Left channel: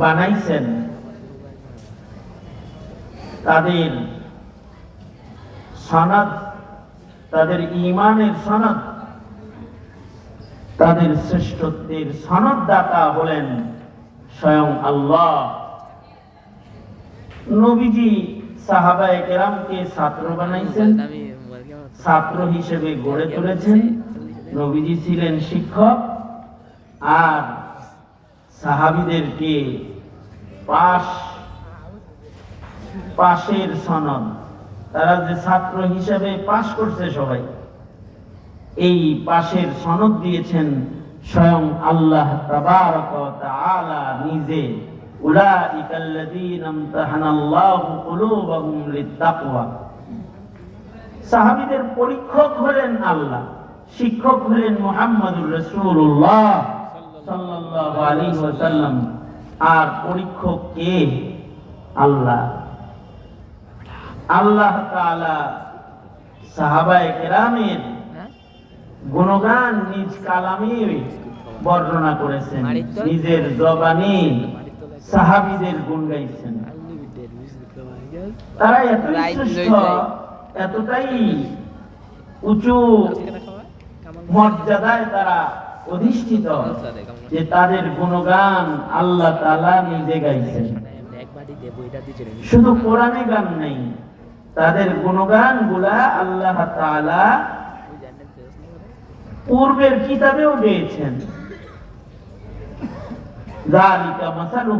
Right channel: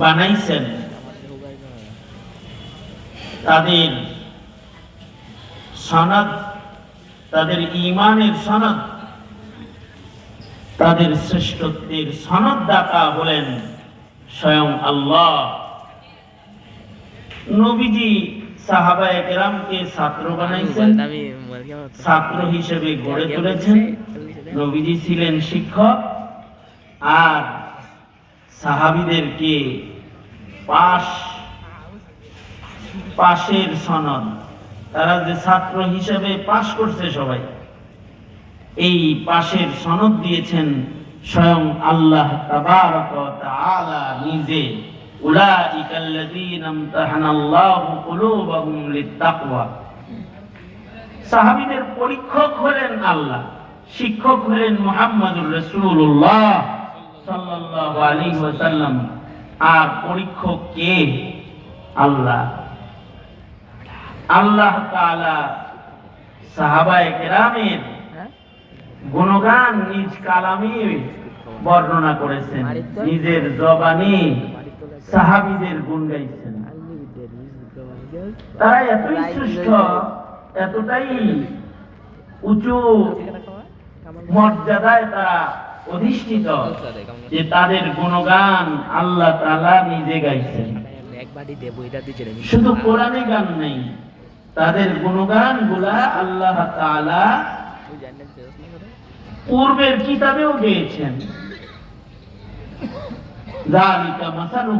বানাইছেন। তাদের সনদ, তাদের ইমানের সনদ, তাদের শ্রেষ্ঠত্বের সনদদাতা হলেন স্বয়ং আল্লাহ। নবীজি সাহাবায়ে কেরামকে ছাত্র বানাইছেন, ছাত্র হিসেবে গড়ে তুলেছেন। নবীজি ছিলেন শিক্ষক, আর সাহাবিদেরকে পাশ, পাশের সনদ। তারা যে ছাত্র পাশ করছে সবাই, এই পাশের সনদ দিয়েছেন স্বয়ং আল্লাহ তাবারক তাআলা নিজে। উলাইকা আল্লাযীনা ইমতাহানাল্লাহু কুলুবাহুম লিত্তাকওয়া। সাহাবীদের পরীক্ষক হলেন আল্লাহ, শিক্ষক হলেন মুহাম্মদুর রাসূলুল্লাহ। আলাইহি ওয়াসাল্লাম আর পরীক্ষক কে? আল্লাহ। আল্লাহ তাআলা সাহাবায়ে কেরামের হ্যাঁ? গুণগান নিজ কালামে বর্ণনা করেছেন নিজের জবানে সাহাবীদের গুণ গাইছেন। তারা Right, শ্রেষ্ঠ এতটাই উঁচু মর্যাদায় তারা অধিষ্ঠিত, যে তাদের গুণগান আল্লাহ তালা নিজে গাইছেন শুধু কোরআনে গান নেই, তাদের গুণগানগুলা আল্লাহ করে? পূর্বের কিতাবেও গেয়েছেন জালিকা মাসালুহু